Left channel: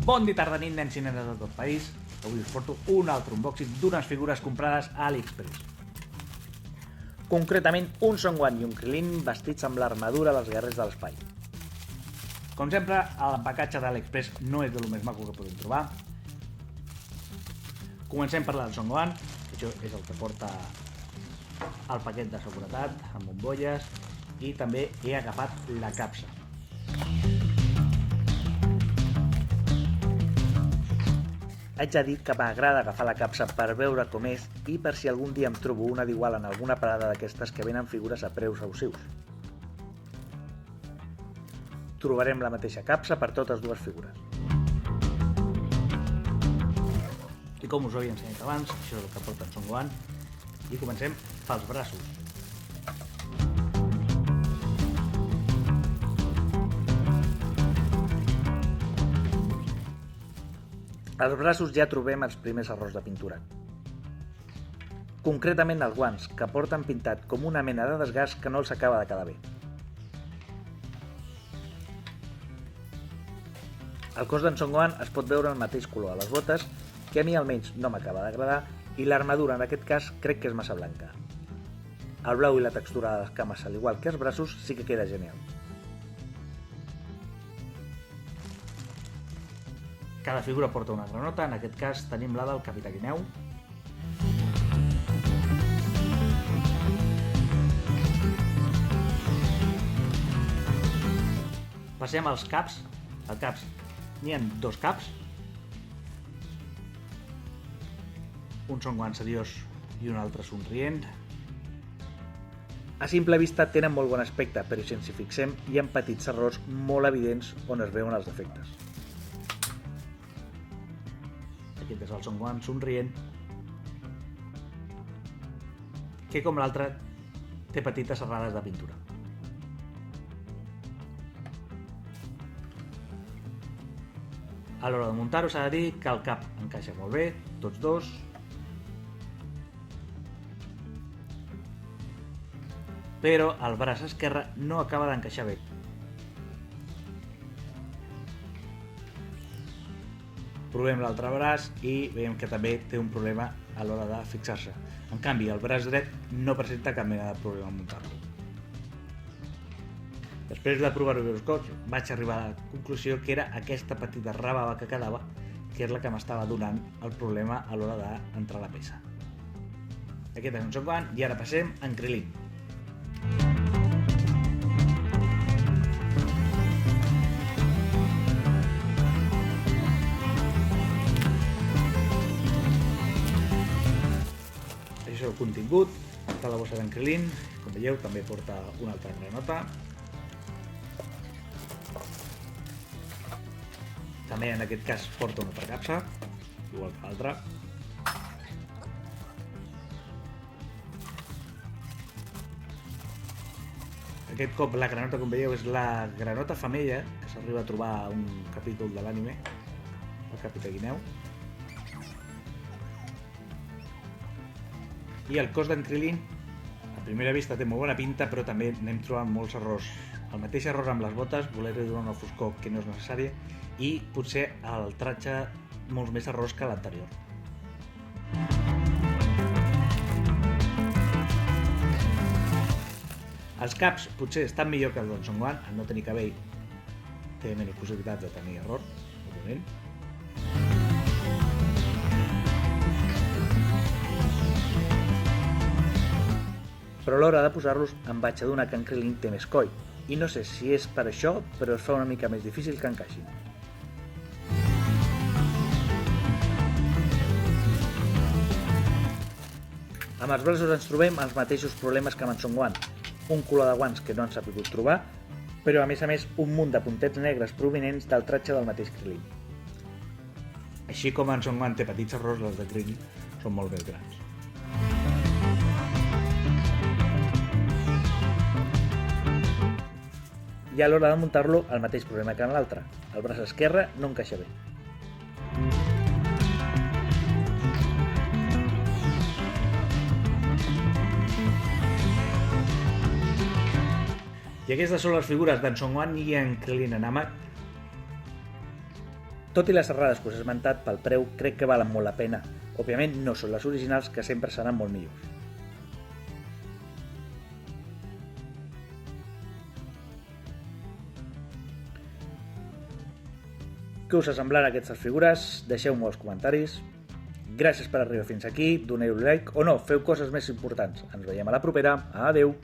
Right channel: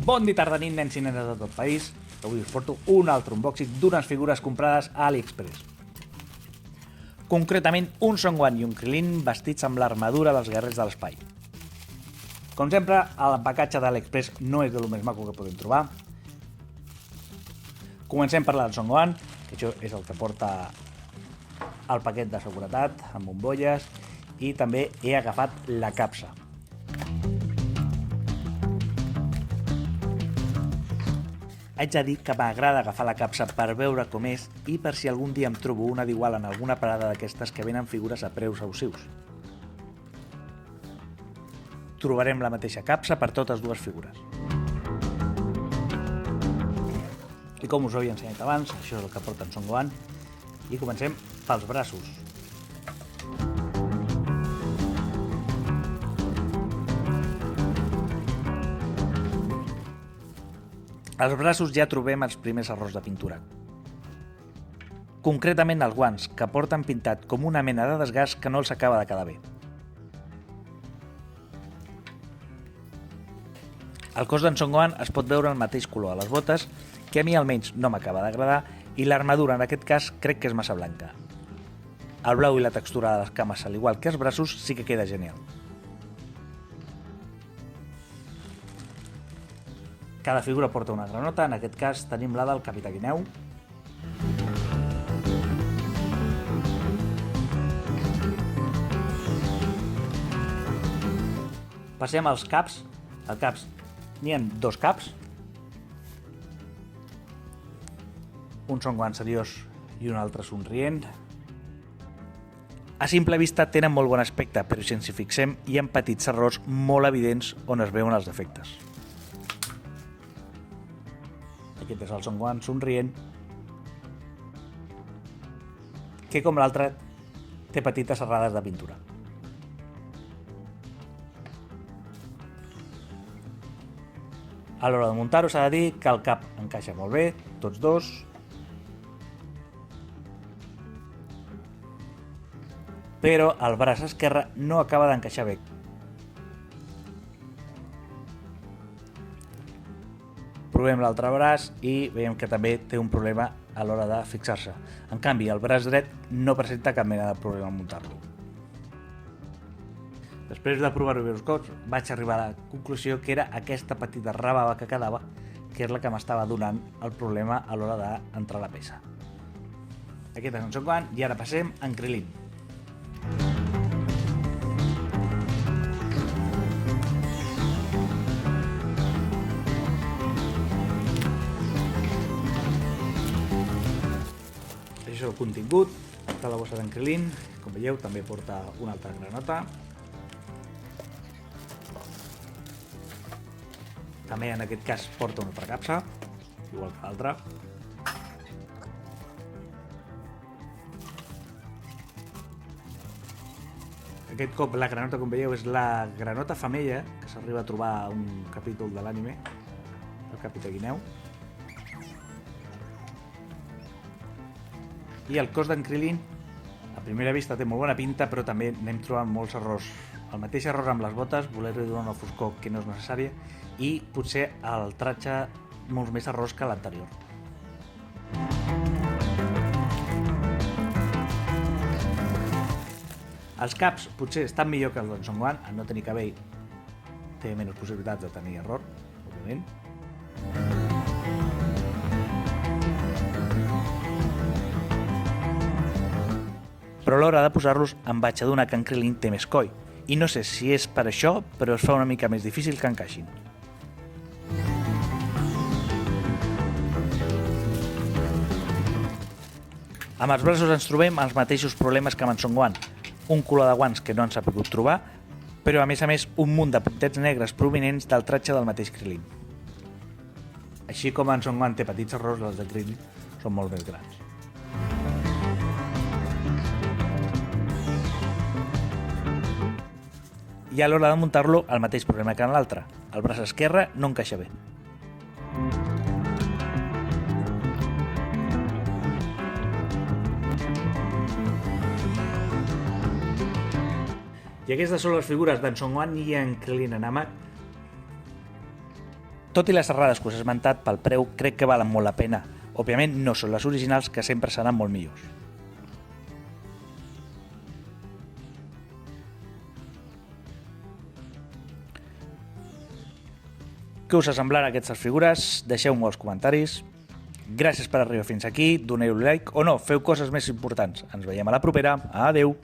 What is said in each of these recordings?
Bon dia, tarda, nit, nens i nenes de tot país. Avui us porto un altre unboxing d'unes figures comprades a AliExpress. Concretament, un Son Gohan i un Krillin vestits amb l'armadura dels guerrers de l'espai. Com sempre, l'empacatge d'AliExpress no és de lo més maco que podem trobar. Comencem per del Son Gohan, que això és el que porta el paquet de seguretat, amb bombolles, i també he agafat la capsa. Haig de dir que m'agrada agafar la capsa per veure com és i per si algun dia em trobo una d'igual en alguna parada d'aquestes que venen figures a preus abusius. Trobarem la mateixa capsa per totes dues figures. I com us ho havia ensenyat abans, això és el que porta en Son Gohan, i comencem pels braços. Als braços ja trobem els primers errors de pintura. Concretament els guants, que porten pintat com una mena de desgast que no els acaba de quedar bé. El cos d'en Son Gohan es pot veure el mateix color a les botes, que a mi almenys no m'acaba d'agradar, i l'armadura en aquest cas crec que és massa blanca. El blau i la textura de les cames, al igual que els braços, sí que queda genial. Cada figura porta una granota, en aquest cas tenim la del Capità Guineu. Passem als caps. Als caps n'hi ha dos caps. Un Son Gohan seriós i un altre somrient. A simple vista tenen molt bon aspecte, però si ens hi fixem hi ha petits errors molt evidents on es veuen els defectes. Aquest és el Son Gohan somrient, que com l'altre té petites errades de pintura. A l'hora de muntar-ho s'ha de dir que el cap encaixa molt bé, tots dos. Però el braç esquerre no acaba d'encaixar bé. Provem l'altre braç i veiem que també té un problema a l'hora de fixar-se. En canvi, el braç dret no presenta cap mena de problema en muntar-lo. Després de provar-ho diversos cops, vaig arribar a la conclusió que era aquesta petita rabava que quedava, que és la que m'estava donant el problema a l'hora d'entrar la peça. Aquest és en Son Gohan i ara passem en Krillin. Això és el contingut de la bossa d'en Krillin. Com veieu, també porta una altra granota. També en aquest cas porta una altra capsa, igual que l'altra. Aquest cop la granota, com veieu, és la granota femella que s'arriba a trobar a un capítol de l'anime, el Capità Guineu. I el cos d'en Krillin, a primera vista té molt bona pinta, però també n'hem trobat molts errors. El mateix error amb les botes, voler-li donar una foscor que no és necessària, i potser el tratge molts més errors que l'anterior. Els caps potser estan millor que els d'en Son Gohan, en no tenir cabell té menys possibilitats de tenir error, òbviament. Però a l'hora de posar-los em vaig adonar que en Krillin té més coll, i no sé si és per això, però es fa una mica més difícil que encaixin. Amb els braços ens trobem els mateixos problemes que amb en Son Gohan, un color de guants que no ens ha pogut trobar, però a més un munt de puntets negres provinents del tratge del mateix Krillin. Així com en Son Gohan té petits errors, els de Krillin són molt més grans. I a l'hora de muntar-lo, el mateix problema que en l'altre. El braç esquerre no encaixa bé. I aquestes són les figures d'en Son Gohan i en Krillin en Namek. Tot i les errades que us he esmentat, pel preu crec que valen molt la pena. Òbviament no són les originals, que sempre seran molt millors. Què us semblarà aquestes figures? Deixeu-m'ho als comentaris. Gràcies per arribar fins aquí, doneu-li like o no, feu coses més importants. Ens veiem a la propera. Adeu!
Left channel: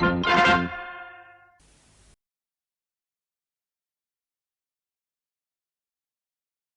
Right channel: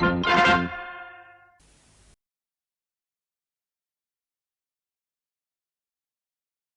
Hiya.